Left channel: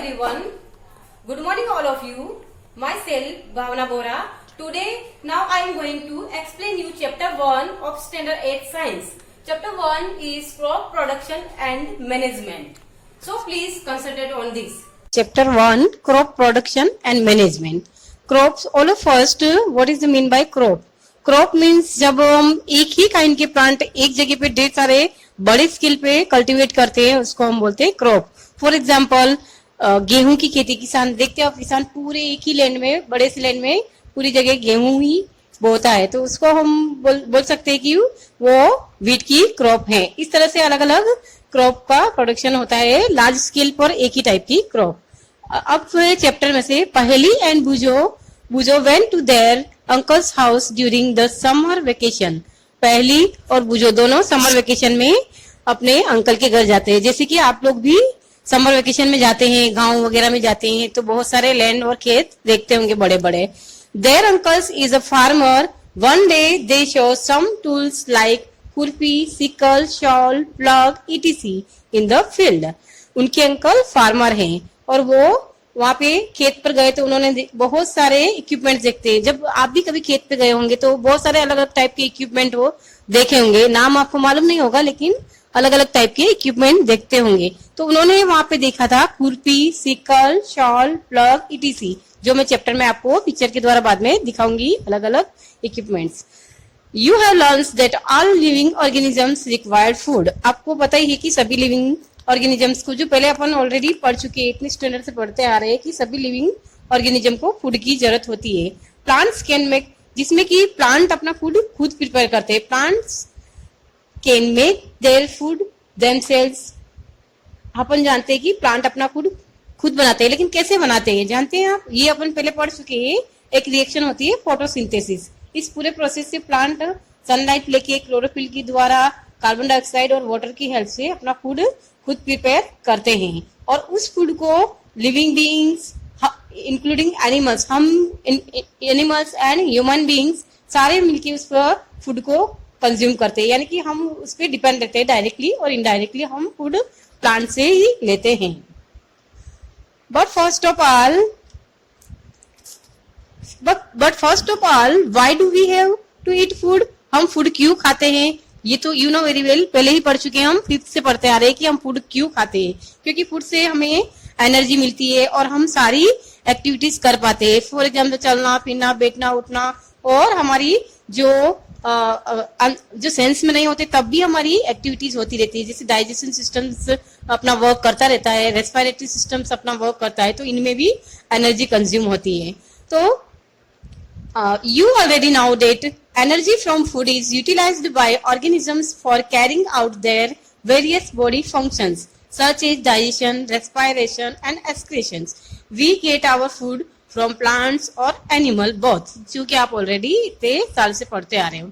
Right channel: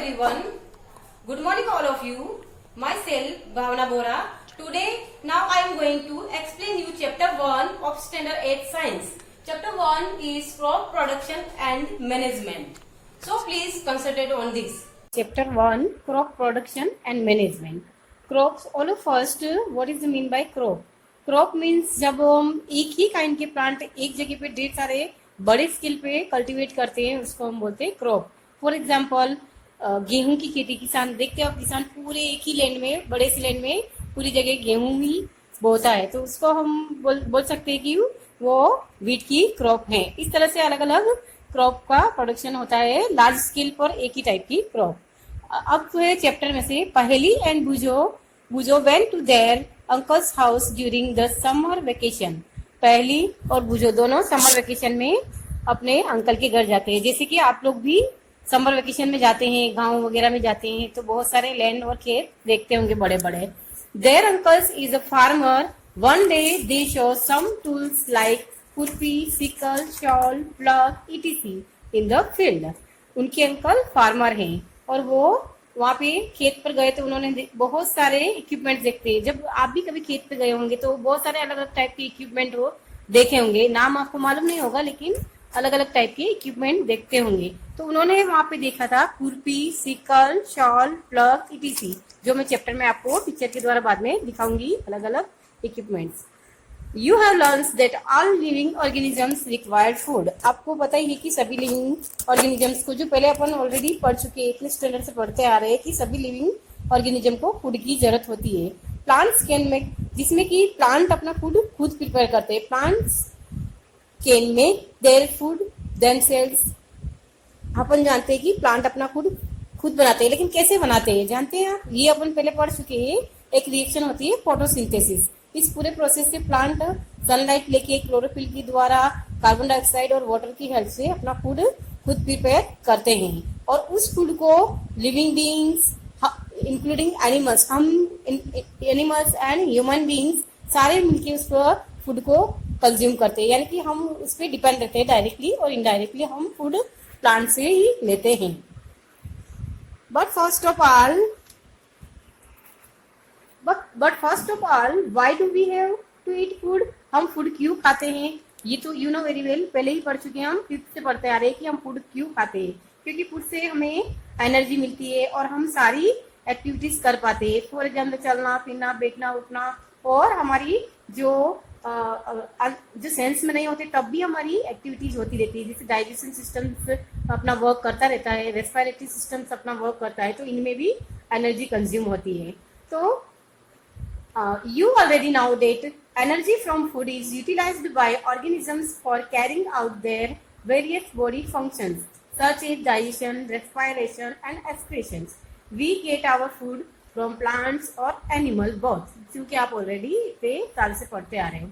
everyone. Good morning all of you. Myself Bhavana Bora. Today now I am going to explain you chapter 1 of standard 8 science. Chapter 1 is crop production and management. So please concentrate on this. Chapter 1 Crop Production and Management. Crops. All first, what is the mean by crop? Crop means जब हम एक ही kind के plant एक जगह पे ढेर सारे बड़े स्केल पे कल्टीवेट करते हैं, उसको हम बोलते हैं क्रॉप. फॉर एग्जांपल गेहूं की खेती. किसान देखते हैं, किसान पूरे एक ही लैंड में, बड़े से लैंड में पूरी जगह गेहूं ही बोता है, तो उसको हम बोल सकते हैं कि वो वीट की क्रॉप है. इस तरह से अलग अलग क्रॉप का प्रोडक्शन होता है लार्ज स्केल पर एक ही टाइप की क्रॉप. अब चैप्टर में से Paheli and Boojho went to their uncle's house during the summer vacation. Paheli और बुजो दोनों समर वेकेशन में अपने अंकल के घर जाते हैं. जैसे कि आप लोग भी समर वेकेशन में जाते हैं, गांव वगैरह में जाते हैं, तो बहुत सारे लैंड और खेत देखते होंगे बड़े बड़े. Their uncles is a farmer. One day they show some tools like khurpi, sickle, shovel, plough etc in the field. उनके अंकल फार्मर हैं और वो वहां पे खेत पर गए तो उन्होंने बहुत सारे इक्विपमेंट देखते हैं. जब आप भी कभी खेत पे गए होंगे तो बहुत सारे अलग अलग टाइप के इक्विपमेंट वो देखे होंगे. नाम आपको मालूम नहीं होगा लेकिन अलग अलग टाइप के इक्विपमेंट देखते होंगे. तो उन्होंने वहां पे देखा था खुरपी, सिकल, शॉल, प्लग etc, जो मैं चैप्टर में आपको पिक्चर के द्वारा बाद में दिखाऊंगी अलग अलग equipments. You have learned that all living organisms require food. आपको पता ही है कि सभी लिविंग ऑर्गेनिजम्स को, जो पहले अपन ऑलरेडी पढ़ चुके हैं, इतने स्टैंडर्ड से पढ़ते आ रहे हैं कि सभी लिविंग ऑर्गेनिज्म को फूड की जरूरत होती है. प्लांट्स कैन मेक, जिसमें कि प्लांट अपना फूड खुद प्रिपेयर करते हैं. Plants can make their food themselves. अपन जानते हैं कि प्लांट अपना फूड खुद बनाते हैं, लेकिन कैसे बनाते हैं जानते हैं आप? ये अपन पहले पढ़ चुके हैं. एक रिएक्शन होती है फोटोसिंथेसिस. इस पूरे प्रोसेस से प्लांट सनलाइट लेके क्लोरोफिल के द्वारा कार्बन डाइऑक्साइड और वाटर की हेल्प से अपना फूड खुद प्रिपेयर करते हैं. और उस फूड को लिविंग बीइंग्स इंक्लूडिंग एनिमल्स, हम एनिमल्स एंड ह्यूमन बीइंग्स सारे मिलके उस फूड को कंज्यूम करते हैं. यानी कि हम उस पर डिपेंड रहते हैं डायरेक्टली और इनडायरेक्टली. हम फूड प्लांट से ही लेते हैं. But first of all why do we have to eat food? हम फूड क्यों खाते हैं? ये तो यू नो वेरी वेल, पहले ही पढ़ चुके हैं. हम 5th से पढ़ते आ रहे हैं कि हम फूड क्यों खाते हैं. क्योंकि फूड से हमें एनर्जी मिलती है और हम सारी एक्टिविटीज कर पाते हैं. फॉर एग्जाम्पल चलना फिरना, बैठना उठना, और हमारी जो सेंस में नहीं होते तब भी हमारी एक्टिविटीज होती रहती है. जैसे डाइजेशन सिस्टम्स अपना वर्क करता रहता है, रेस्पिरेटरी सिस्टम्स अपना वर्क करता है, तो इनमें भी एनर्जी कंज्यूम होती है. तो you already know that energy from food is utilized by organisms for carrying out their various body functions such as digestion, respiration and excretions. We get our food from plants or animal both, जो कि आप already इतने साल से पढ़ते आ रहे हो.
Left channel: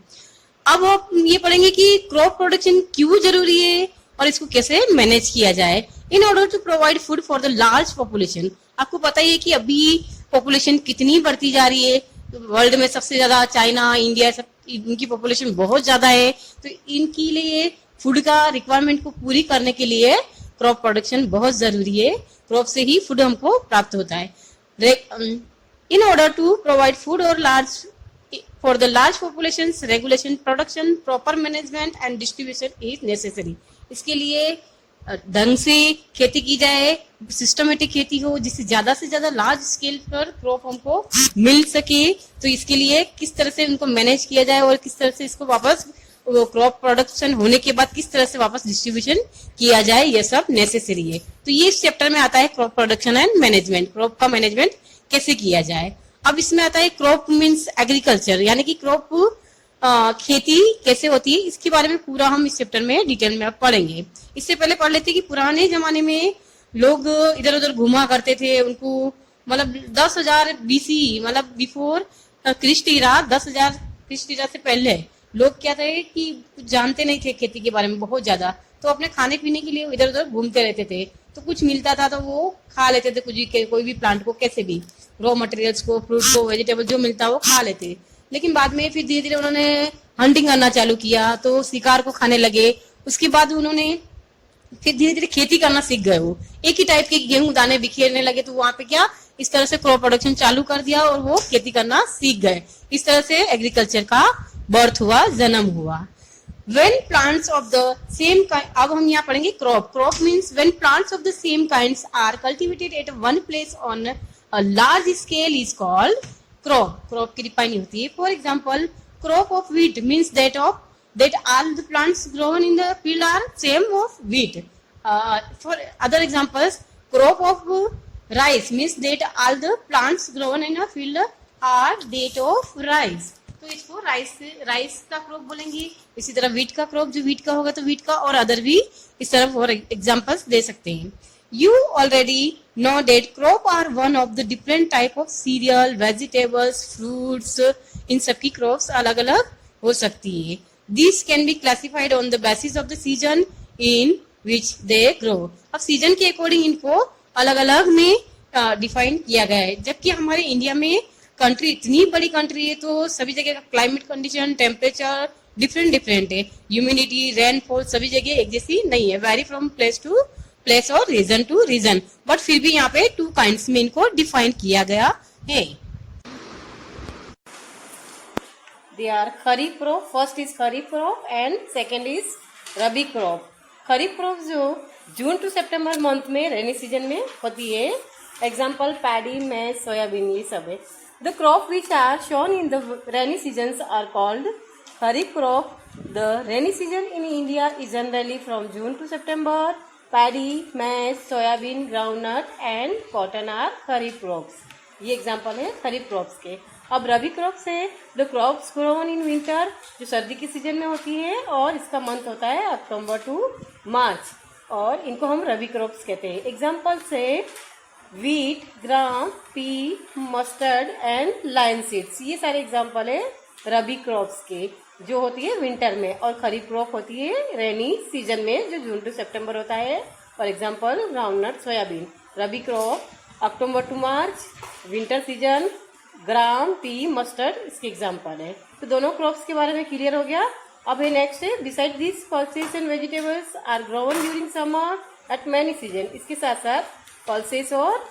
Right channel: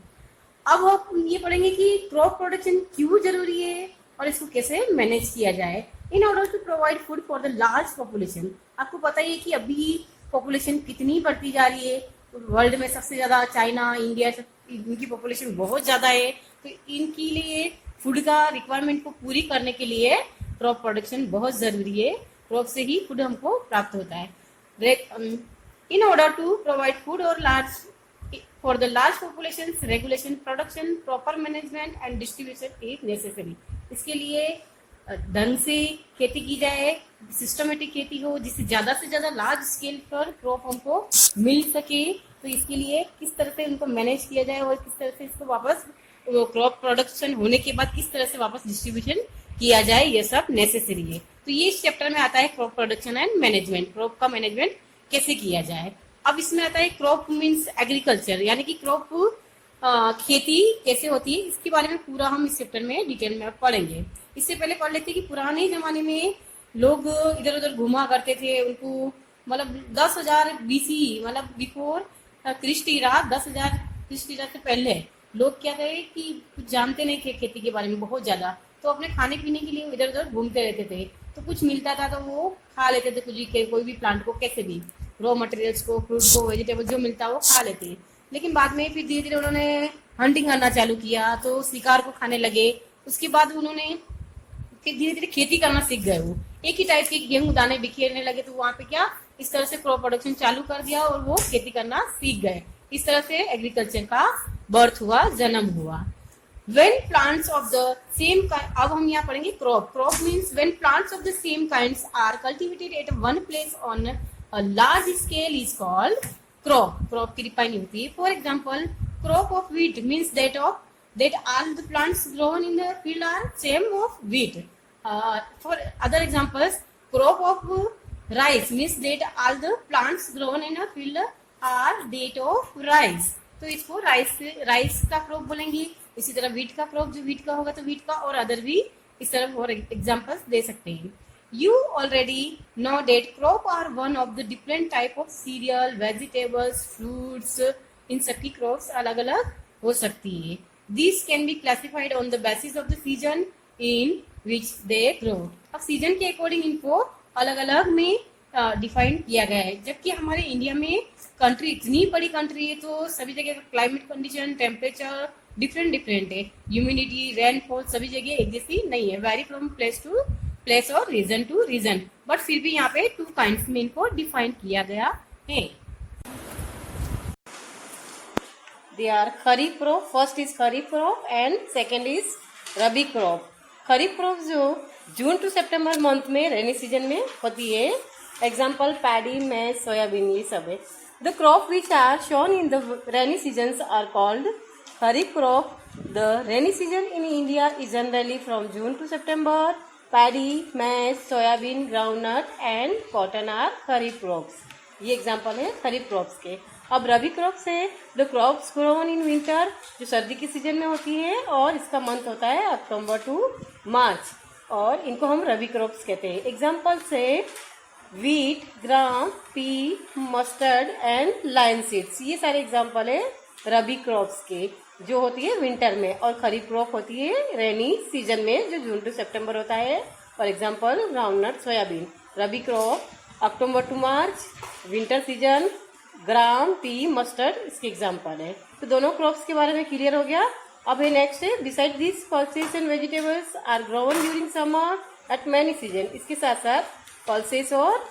अब आप ये पढ़ेंगे कि क्रॉप प्रोडक्शन क्यों जरूरी है और इसको कैसे मैनेज किया जाए. In order to provide food for the large population. आपको पता ही है कि अभी पॉपुलेशन कितनी बढ़ती जा रही है. वर्ल्ड में सबसे ज्यादा चाइना, इंडिया, सब इनकी पॉपुलेशन बहुत ज्यादा है. तो इनके लिए फूड का रिक्वायरमेंट को पूरी करने के लिए क्रॉप प्रोडक्शन बहुत जरूरी है. क्रॉप से ही फूड हमको प्राप्त होता है. In order to provide food और for the large population, regulation, production, proper management and distribution is necessary. इसके लिए ढंग से खेती की जाए, सिस्टमेटिक खेती हो, जिससे ज्यादा से ज्यादा लार्ज स्केल पर क्रॉप हमको मिल सके. तो इसके लिए किस तरह से उनको मैनेज किया जाए और किस तरह से इसको वापस क्रॉप प्रोडक्शन होने के बाद किस तरह से वापस डिस्ट्रीब्यूशन किया जाए, ये सब नेसेसरी है. तो ये इस चैप्टर में आता है crop production and management. Crop का मैनेजमेंट कैसे किया जाए. अब इसमें आता है क्रॉप मीन्स एग्रीकल्चर, यानी कि क्रॉप खेती कैसे होती है. इसके बारे में पूरा हम इस चैप्टर में डिटेल में पढ़ेंगे. इससे पहले पढ़ लेते कि पुराने जमाने में लोग इधर उधर घुमा करते थे. उनको मतलब 10,000 BC, मतलब बिफोर क्रिस्ट इरा, 10,000 क्रिस्ट इरा से पहले लोग क्या थे कि कुछ जानते नहीं थे खेती के बारे में बहुत ज्यादा. तो अपने खाने पीने के लिए इधर उधर घूमते रहते थे. तो कुछ मिलता था तो वो खा लेते थे. कोई भी प्लांट को, कैसे भी रॉ मटेरियल्स को, फ्रूट को, वेजिटेबल जो मिलता वो खा लेते. लेकिन बाद में फिर धीरे धीरे उन्होंने हंटिंग करना चालू किया, तो शिकार को खाने लगे. उसके बाद उन्होंने फिर धीरे धीरे खेती करना सीख गए. वो एक ही टाइप के गेहूं दाने बिखेरने लगे, तो वहां पे क्या इस तरह से क्रॉप प्रोडक्शन चालू कर दिया और वो खेती करना सीख गए। इस तरह से एग्रीकल्चर का बर्थ हुआ, जन्म हुआ। When plants of the same kind, अब हम यहाँ पढ़ेंगे crop. Crop means when plants of the same kinds are cultivated at one place on a large scale is called crop. Crop की डिफाइन होती है। For example, crop of wheat means that all the plants grown in the field are same of wheat. For other examples, crop of rice means that all the plants grown in a field are that of rice. तो इसको rice का crop बोलेंगे। इसी तरह wheat का crop, जो wheat का होगा तो वीट का, और अदर भी इस तरह और एग्जांपल्स दे सकते हैं। You already know that crop are one of the different type of cereal, vegetables, fruits. इन सबकी क्रॉप्स अलग अलग हो सकती है। This can be classified on the basis of the season in which they grow. अब सीजन के according इनको अलग अलग में डिफाइन किया गया है। जबकि हमारे इंडिया में कंट्री इतनी बड़ी कंट्री है, तो सभी जगह का क्लाइमेट कंडीशन, टेम्परेचर डिफरेंट है। ह्यूमिडिटी, रेनफॉल सभी जगह एक जैसी नहीं है, vary from place to place और रीजन टू रीजन। बट फिर भी यहाँ पे 2 काइंड्स में इनको डिफाइन किया गया है। They are kharif crop. First is kharif crop and second is rabi crop. Kharif crop जो जून टू सितंबर मंथ में रेनी सीजन में होती है। एग्जाम्पल पैडी, मैज, सोयाबीन, ये सब है। The crop which are shown in the rainy seasons are called Kharif crop. The rainy season in India is generally from June to September. Paddy, maize, soybean, groundnut and cotton are Kharif crops. ये example है खरीफ crops के। अब रबी crops है the crops grown in winter, जो सर्दी के season में होती है और इसका मंथ होता है अक्टूबर टू मार्च, और इनको हम रबी क्रॉप्स कहते हैं। एग्जाम्पल्स है wheat, gram, pea, mustard and line seeds. ये सारे एग्जाम्पल है रबी क्रॉप्स के, जो होती है विंटर में, और खरीफ क्रॉप होती है रेनी सीजन में, जो जून टू सितंबर होता है। For example groundnut, soybean. Rabi crop October to March, winter season, gram, pea, mustard इसके एग्जाम्पल है। तो दोनों क्रॉप्स के बारे में क्लियर हो गया। अब है नेक्स्ट है beside this pulses and vegetables are grown during summer at many season. इसके साथ साथ पल्सेस और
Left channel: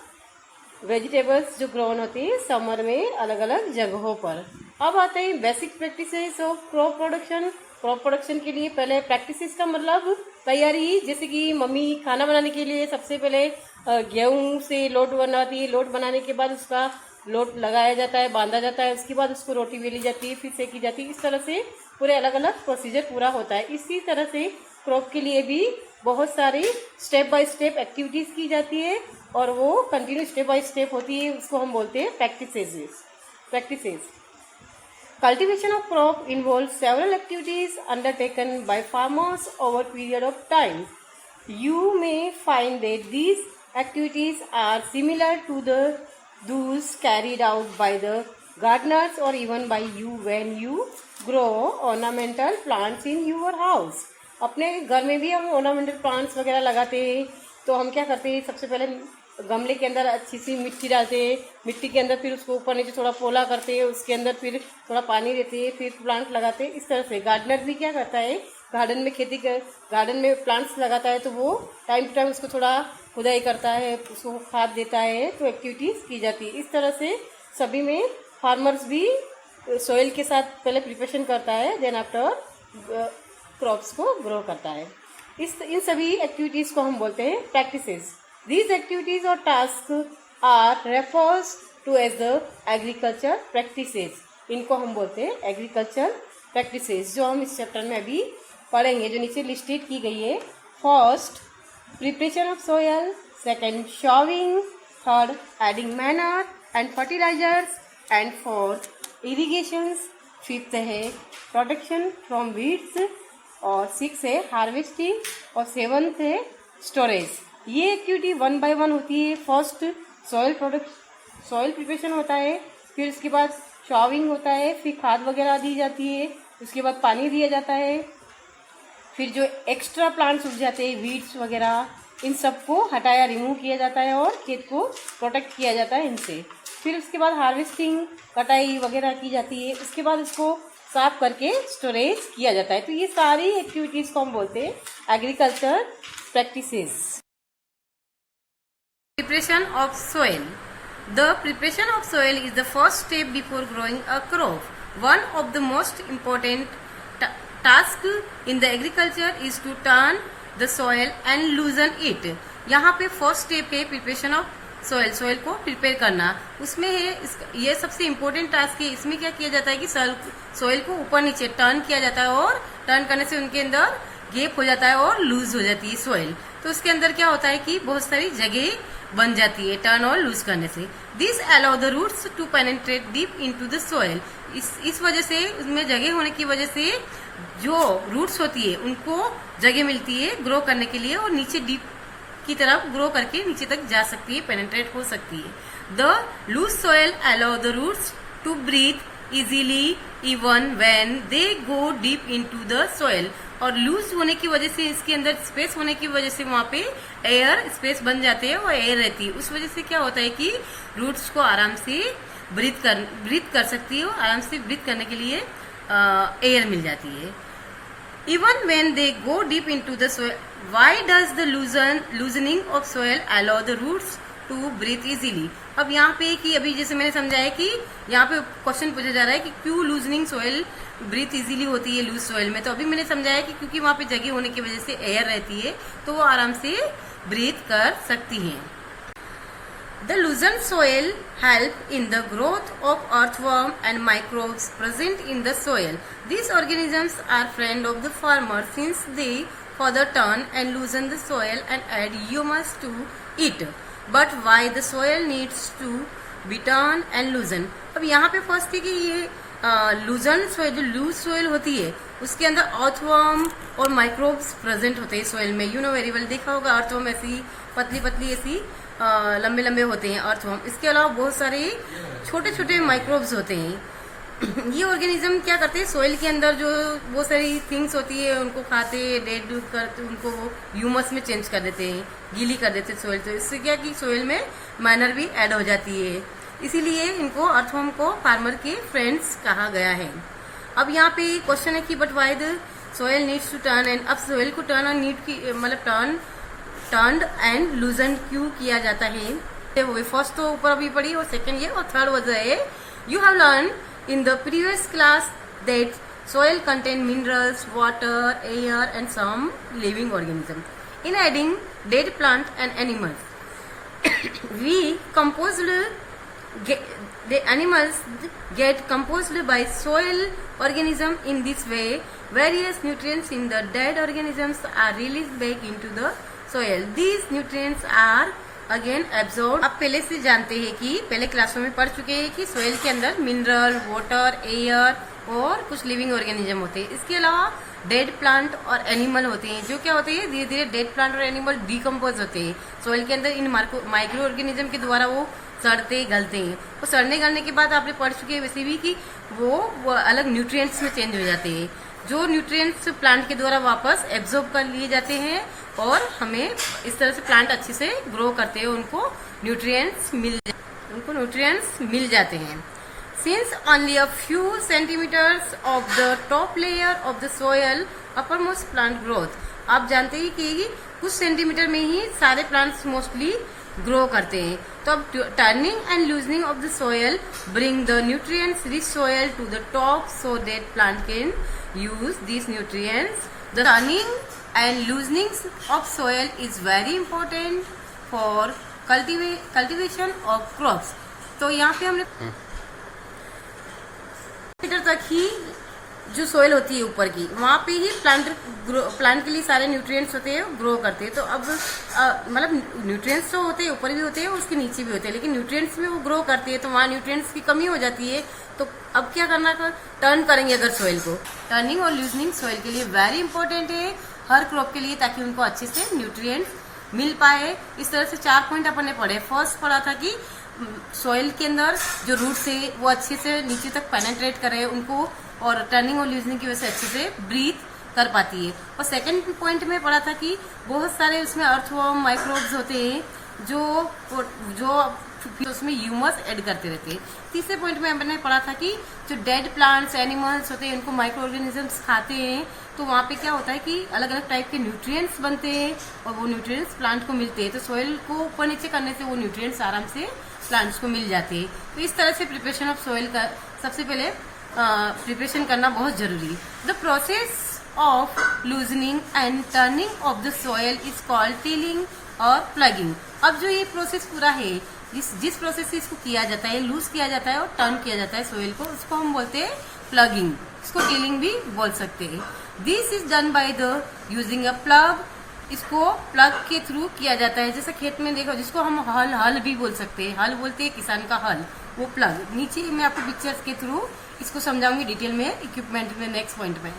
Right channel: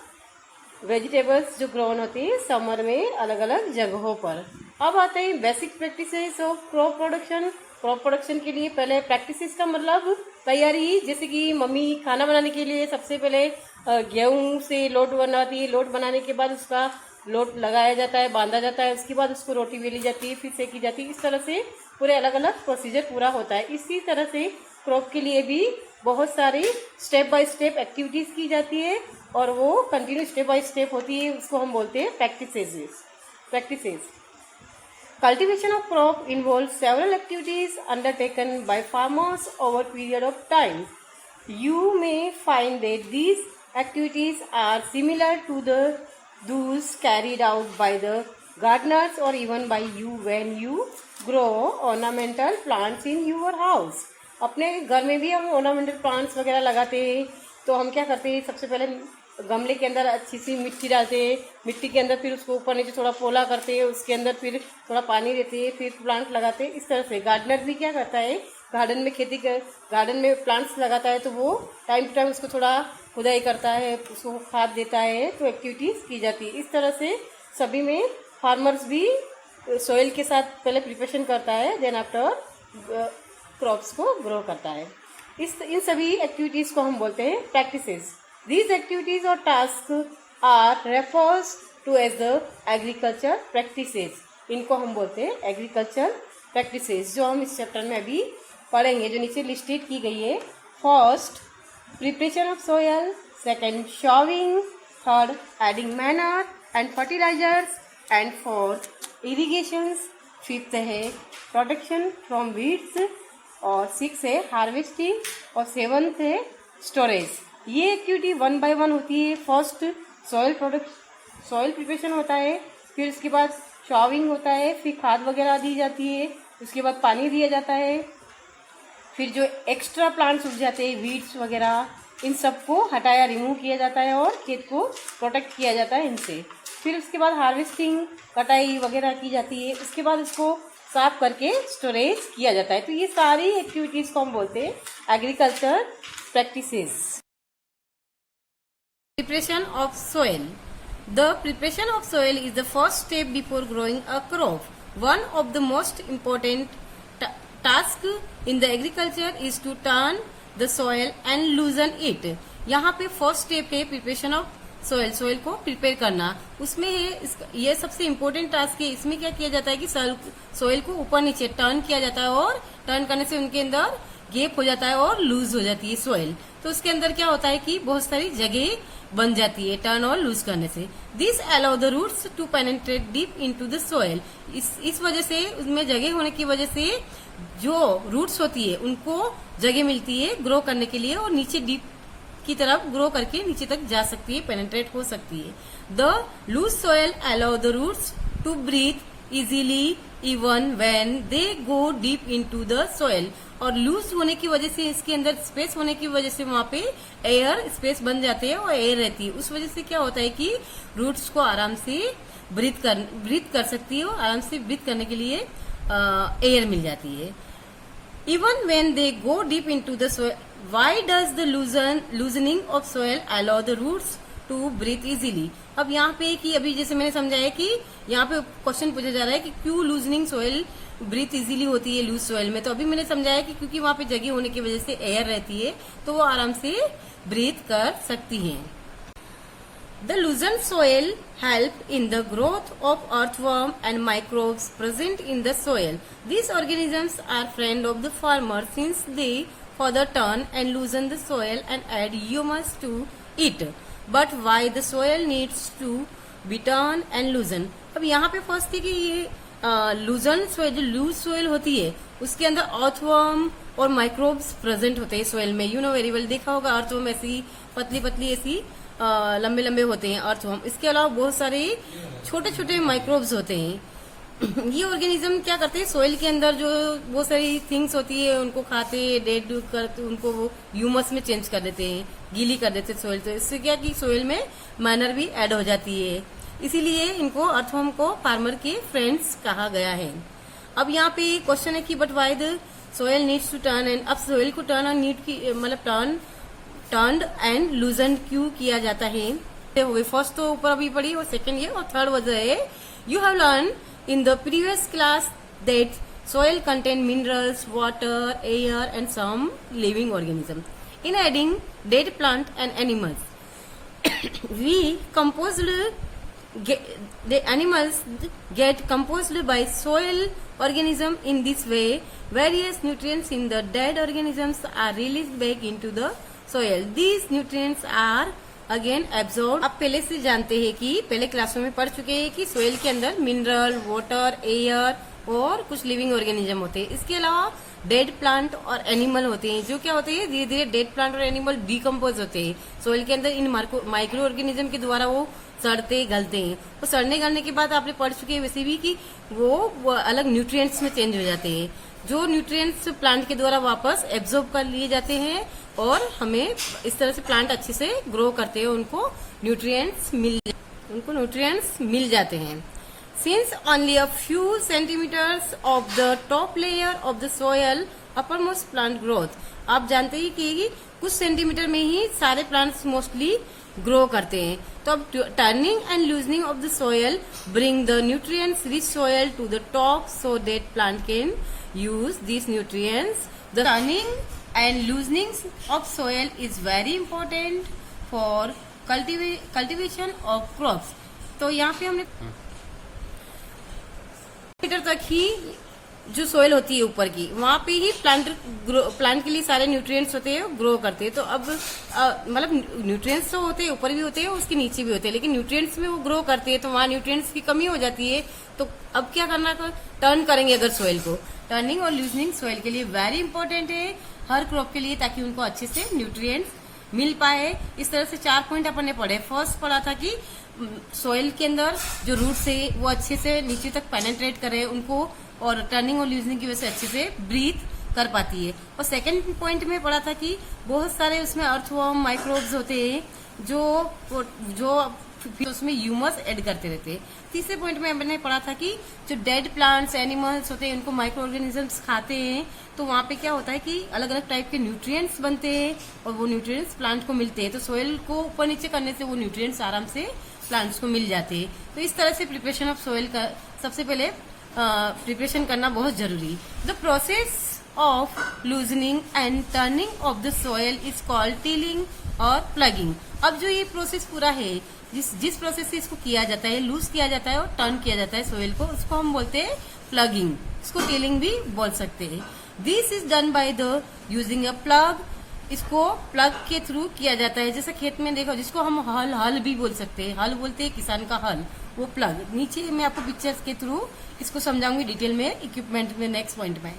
वेजिटेबल्स जो ग्रोन होती है समर में अलग अलग जगहों पर। अब आते हैं basic practices of crop production. Crop production के लिए पहले प्रैक्टिसेस का मतलब तैयारी, जैसे कि मम्मी खाना बनाने के लिए सबसे पहले गेहूं से लोट बनाती है। लोट बनाने के बाद उसका लोट लगाया जाता है, बांधा जाता है, उसके बाद उसको रोटी बेली जाती है, फिर सेकी जाती है। इस तरह से पूरे अलग अलग प्रोसीजर पूरा होता है। इसी तरह से क्रॉप के लिए भी बहुत सारी स्टेप बाय स्टेप एक्टिविटीज की जाती है, और वो कंटिन्यू स्टेप बाय स्टेप होती है। उसको हम बोलते हैं practices. Cultivation of crop involves several activities undertaken by farmers over a period of time. You may find that these activities are similar to those carried out by the gardeners or even by you when you grow ornamental plants in your house. अपने घर में भी हम ornamental plants वगैरह लगाते हैं। तो हम क्या करते हैं, सबसे पहले गमले के अंदर अच्छी सी मिट्टी डालते हैं, मिट्टी के अंदर फिर उसको ऊपर नीचे थोड़ा पोला करते हैं, उसके अंदर फिर थोड़ा पानी देते हैं, फिर प्लांट लगाते हैं। इस तरह से गार्डनर भी क्या करता है, गार्डन में प्लांट्स लगाता है, तो वो टाइम टू टाइम उसको थोड़ा खुदाई करता है, उसको खाद देता है, तो एक्टिविटीज की जाती है। इस तरह से सभी में फार्मर्स भी सोइल के साथ पहले प्रिपरेशन करता है, देन आफ्टर क्रॉप्स को ग्रो करता है। इन सभी एक्टिविटीज को हम बोलते हैं practices. These activities or tasks are refers to as the agriculture practices. इनको हम बोलते हैं एग्रीकल्चर प्रैक्टिसेस, जो हम इस चैप्टर में अभी पढ़ेंगे, जो नीचे लिस्टेड की गई है। First preparation of soil, second sowing, third adding manure and fertilisers, and fourth irrigations, fifth है प्रोटेक्शन फ्रॉम वीड्स, और सिक्स है हार्वेस्टिंग, और सेवंथ है स्टोरेज। ये एक्टिविटी 1 by 1 होती है। फर्स्ट सॉइल प्रिपरेशन होता है, फिर उसके बाद शॉविंग होता है, फिर खाद वगैरह दी जाती है, उसके बाद पानी दिया जाता है, फिर जो एक्स्ट्रा प्लांट्स उग जाते हैं वीड्स वगैरह, इन सबको हटाया रिमूव किया जाता है और खेत को प्रोटेक्ट किया जाता है इनसे। फिर उसके बाद हार्वेस्टिंग, कटाई वगैरह की जाती है, उसके बाद इसको साफ करके स्टोरेज किया जाता है। तो ये सारी एक्टिविटीज को हम बोलते हैं agriculture practices. Preparation of soil. The preparation of soil is the first step before growing a crop. One of the most important tasks in the agriculture is to turn the soil and loosen it. यहाँ पे first step है preparation of soil, soil को prepare करना। उसमें है ये सबसे important task है। इसमें क्या किया जाता है कि सोयल को ऊपर नीचे टर्न किया जाता है और टर्न करने से उनके अंदर गैप हो जाता है और लूज हो जाती है सोयल। तो उसके अंदर क्या होता है कि बहुत सारी जगह बन जाती है टर्न और लूज करने से। This allow the roots to penetrate deep into the soil. इस वजह से उसमें जगह होने की वजह से जो रूट्स होती है उनको जगह मिलती है ग्रो करने के लिए और नीचे डीप की तरफ ग्रो करके नीचे तक जा सकती है, पेनिट्रेट हो सकती है। The loose soil allow the roots to breathe easily even when they go deep into the soil. और लूज होने की वजह से इसके अंदर स्पेस होने की वजह से वहां पे एयर स्पेस बन जाते हैं और एयर रहती है। उस वजह से क्या होता है कि रूट्स को आराम से ब्रीथ कर सकती है और आराम से ब्रीथ करने के लिए एयर मिल जाती है। Even when they go deep into the soil, why does the loosening of soil allow the roots to breathe easily? अब यहाँ पे कि अभी जैसे मैंने समझाया कि यहाँ पे क्वेश्चन पूछा जा रहा है कि क्यों लूजनिंग सोयल ब्रीथ इजीली होती है लूज सोयल में। तो अभी मैंने समझाया कि क्योंकि वहाँ पे जगह होने की वजह से एयर रहती है तो वो आराम से ब्रीथ कर सकती हैं। The loosened soil help in the growth of earthworm and microbes present in the soil. These organisms are friend of the farmer since they further turn and loosen the soil and add humus to it. But why the soil needs to be turned and loosened? अब यहाँ पे first है कि ये लूजन soil, जो loose soil होती है उसके अंदर अर्थवर्म और माइक्रोब्स प्रेजेंट होते हैं सोयल में। यू नो वेरी वेल, देखा होगा अर्थवर्म ऐसी पतली पतली ऐसी लंबे लंबे होते हैं अर्थवर्म। इसके अलावा बहुत सारे छोटे छोटे माइक्रोब्स होते हैं। ये ऑर्गेनिज्म क्या करते हैं सोयल के अंदर जो बहुत सारी थिंग्स होती है उनको खाते हैं, डेड करते उनको वो ह्यूमस में चेंज कर देते हैं, गीली कर देते हैं सोयल। तो इससे क्या कि सोयल में माइनर भी ऐड हो जाती है, इसीलिए इनको अर्थवर्म को फार्मर के फ्रेंड्स कहा गया है। अब यहाँ पे क्वेश्चन है कि but why the soil needs to turn and, अब सोयल को टर्न और नीड की मतलब टर्न्ड एंड लूजन क्यों किया जाता है। फर्स्ट तो ऊपर अभी पढ़ी और सेकंड ये और थर्ड वजह है you have learn in the previous class that soil contain minerals, water, air and some living organism. In adding dead plant and animals, the animals get composed by soil organism. In this way, various nutrients in the dead organisms are released back into the soil. These nutrients are again absorb. आप पहले से जानते हैं कि पहले क्लासों में पढ़ चुके हैं कि सोइल के अंदर मिनरल, वाटर, एयर और कुछ लिविंग ऑर्गेनिज्म होते हैं। इसके अलावा डेड प्लांट और एनिमल होते हैं जो क्या होते हैं धीरे धीरे डेड प्लांट और एनिमल डिकम्पोज होते हैं सोइल के अंदर। इन माइक्रो ऑर्गेनिज्म के द्वारा वो सड़ते गलते हैं। वो सड़ने गलने के बाद आपने पढ़ चुके हैं वैसे भी कि वो अलग न्यूट्रिएंट्स में चेंज हो जाते हैं, जो न्यूट्रिएंट्स प्लांट के द्वारा वापस एब्जॉर्ब कर लिए जाते हैं और हमें इस तरह से प्लांट अच्छे से ग्रो करते हैं, उनको न्यूट्रिएंट्स मिल जाते हैं। Since only a few centimeters of the top layer of the soil uppermost plant growth, आप जानते हैं कि कुछ सेंटीमीटर में ही सारे प्लांट्स मोस्टली ग्रो करते हैं। तो अब turning and loosening of the soil bring the nutrients rich soil to the top so that plant can use this nutrients. The turning and loosening of soil is very important for cultivation of crops. तो यहाँ पे हमने metre तक ही जो soil होती है ऊपर की वहां पे ही प्लांट के लिए सारे न्यूट्रिएंट्स होते हैं, ग्रो करते हैं। तो अब मतलब न्यूट्रिएंट्स तो होते हैं ऊपर भी होते हैं उसके नीचे भी होते हैं, लेकिन न्यूट्रिएंट्स में वो ग्रो करते हैं तो वहां न्यूट्रिएंट्स की कमी हो जाती है। तो अब क्या करना, टर्न करेंगे अगर सोयल को। टर्निंग और लूजनिंग सोयल के लिए वेरी इंपॉर्टेंट है हर क्रॉप के लिए, ताकि उनको अच्छे से न्यूट्रिएंट्स मिल पाए। इस तरह से 4 पॉइंट अपन ने पढ़े। फर्स्ट पढ़ा था कि सोयल के अंदर जो रूट्स है वो अच्छे से नीचे तक पेनिट्रेट करे उनको, और टर्निंग और लूजनिंग की वजह से अच्छे से ब्रीथ कर पाती है। और सेकंड पॉइंट में पढ़ा था कि बहुत सारे उसमें अर्थवर्म, माइक्रोब्स होते हैं जो जो फिर उसमें ह्यूमस ऐड करते रहते हैं। तीसरे पॉइंट में हमने पढ़ा था कि जो डेड प्लांट्स एनिमल्स होते हैं उनको माइक्रो ऑर्गेनिजम्स खाते हैं, तो वहाँ पे क्या होता है कि अलग अलग टाइप के न्यूट्रिएंट्स बनते हैं और वो न्यूट्रिएंट्स प्लांट को मिलते हैं। तो सोइल को ऊपर नीचे करने से वो न्यूट्रिएंट्स आराम से प्लांट्स को मिल जाते हैं। तो इस तरह से प्रिपरेशन ऑफ सोइल का सबसे पहले प्रिपरेशन करना बहुत जरूरी। The process of loosening and turning of the soil is called tilling और plugging। अब जो ये प्रोसेस पूरा है, जिस प्रोसेस से इसको किया जाता है, लूज किया जाता है और टर्न किया जाता है सोइल को, उसको हम बोलते हैं प्लगिंग। इसको टिलिंग भी बोल सकते हैं। This is done by the using a plug. इसको प्लग के थ्रू किया जाता है। जैसे खेत में देखो, जिसको हम हल भी बोल सकते हैं, हल बोलते हैं किसान का हल, वो प्लग। नीचे मैं आपको पिक्चर्स के थ्रू इसको समझाऊंगी डिटेल में इक्विपमेंट में नेक्स्ट पॉइंट में।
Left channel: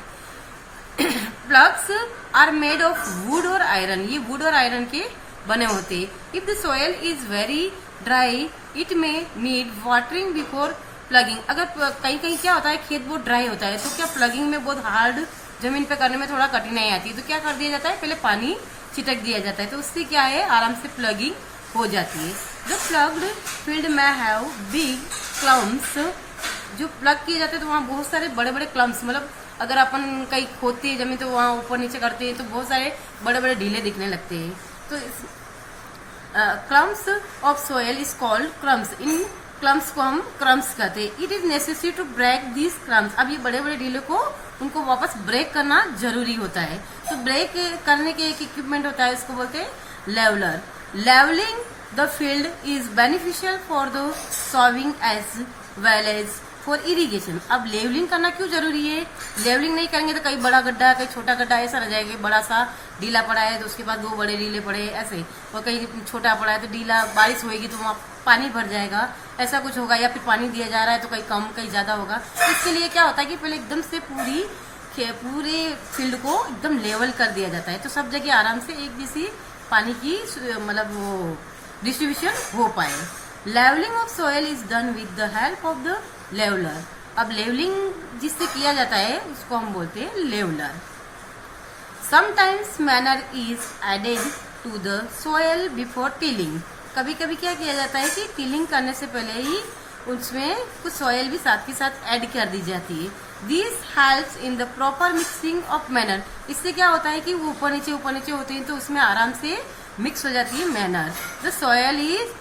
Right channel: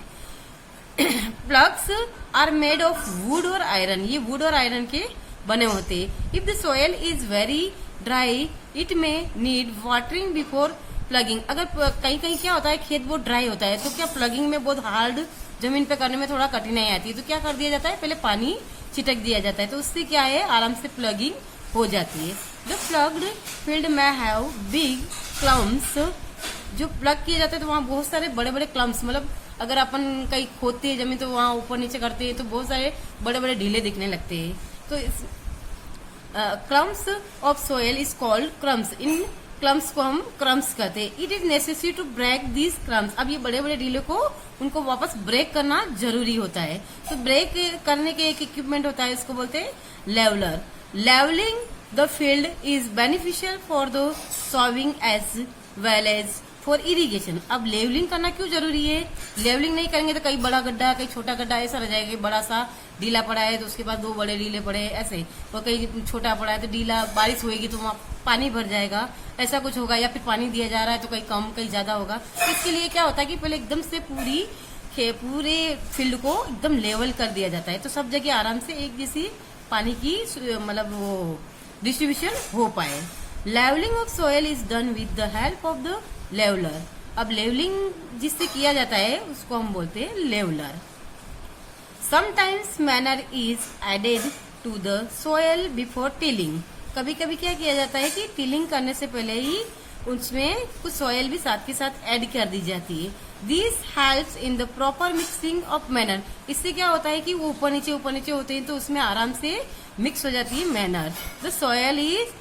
Plugs are made of wood और आयरन। ये वुड और आयरन के बने होते हैं। If the soil is very dry it may need watering before plugging. अगर कहीं कहीं क्या होता है, खेत बहुत ड्राई होता है, तो क्या प्लगिंग में बहुत हार्ड जमीन पे करने में थोड़ा कठिनाई आती है, तो क्या कर दिया जाता है, पहले पानी छिटक दिया जाता है, तो उससे क्या है, आराम से प्लगिंग हो जाती है। द प्लग्ड फील्ड में हैव बिग क्लम्प्स। जो प्लग किए जाते हैं तो वहाँ बहुत सारे बड़े बड़े क्लम्प्स, मतलब अगर अपन कहीं खोदते हैं जमीन तो वहाँ ऊपर नीचे करते हैं तो बहुत सारे बड़े बड़े ढीले दिखने लगते हैं। तो crumbs of soil is called crumbs. इन क्रम्स को हम क्रम्स कहते हैं। It is necessary to break this crumbs. अब ये बड़े बड़े ढीले को उनको वापस ब्रेक करना जरूरी होता है। तो ब्रेक करने के एक इक्विपमेंट होता है, इसको बोलते हैं leveller. Levelling the field is beneficial for the sowing as well as for irrigation. अब लेवलिंग करना क्यों जरूरी है? लेवलिंग नहीं करेंगे तो कहीं बड़ा गड्ढा, कहीं छोटा गड्ढा ऐसा रह जाएगा। बड़ा सा ढीला पड़ा है तो उसके बाद दो बड़े ढीले पड़े ऐसे, और कहीं छोटा पड़ा है तो ढीला, बारिश होगी तो वहाँ पानी भर जाएगा, ऐसा कुछ होगा। या फिर पानी दिया जा रहा है तो कहीं कम कहीं ज्यादा होगा। तो इसके लिए क्या होता है कि पहले एकदम से पूरे फील्ड को एकदम लेवल कर दिया जाता है, तो सब जगह आराम से एक जैसी पानी की मतलब वो डिस्ट्रीब्यूशन हो पाए। Levelling of soil is done with the help of the leveller. अब लेवलिंग जिससे किया जाता है उसको हम बोलते हैं leveller. Sometimes manure is added to the soil before tilling. कभी कभी क्या किया जाता है कि टिलिंग करने से पहले ही उसमें कुछ सोयल भी साथ के साथ ऐड कर दी जाती है। This helps in the proper mixing of manner. इससे क्या होता है कि वो ऊपर नीचे होते हैं तो उसमें आराम से मिक्स हो जाती है manner. The soil is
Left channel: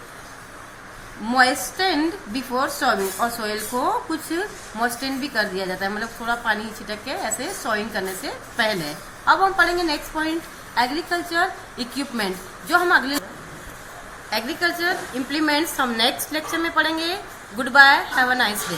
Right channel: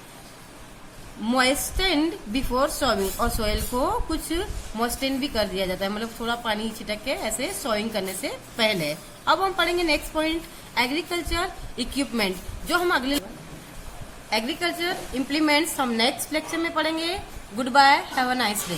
moistened before sowing. और सोयल को कुछ मॉइस्टेंड भी कर दिया जाता है, मतलब थोड़ा पानी छिटक के ऐसे सॉइंग करने से पहले। अब हम पढ़ेंगे नेक्स्ट पॉइंट, एग्रीकल्चर इक्विपमेंट, जो हम अगले एग्रीकल्चर इम्प्लीमेंट्स हम नेक्स्ट लेक्चर में पढ़ेंगे। Good bye, have a nice day.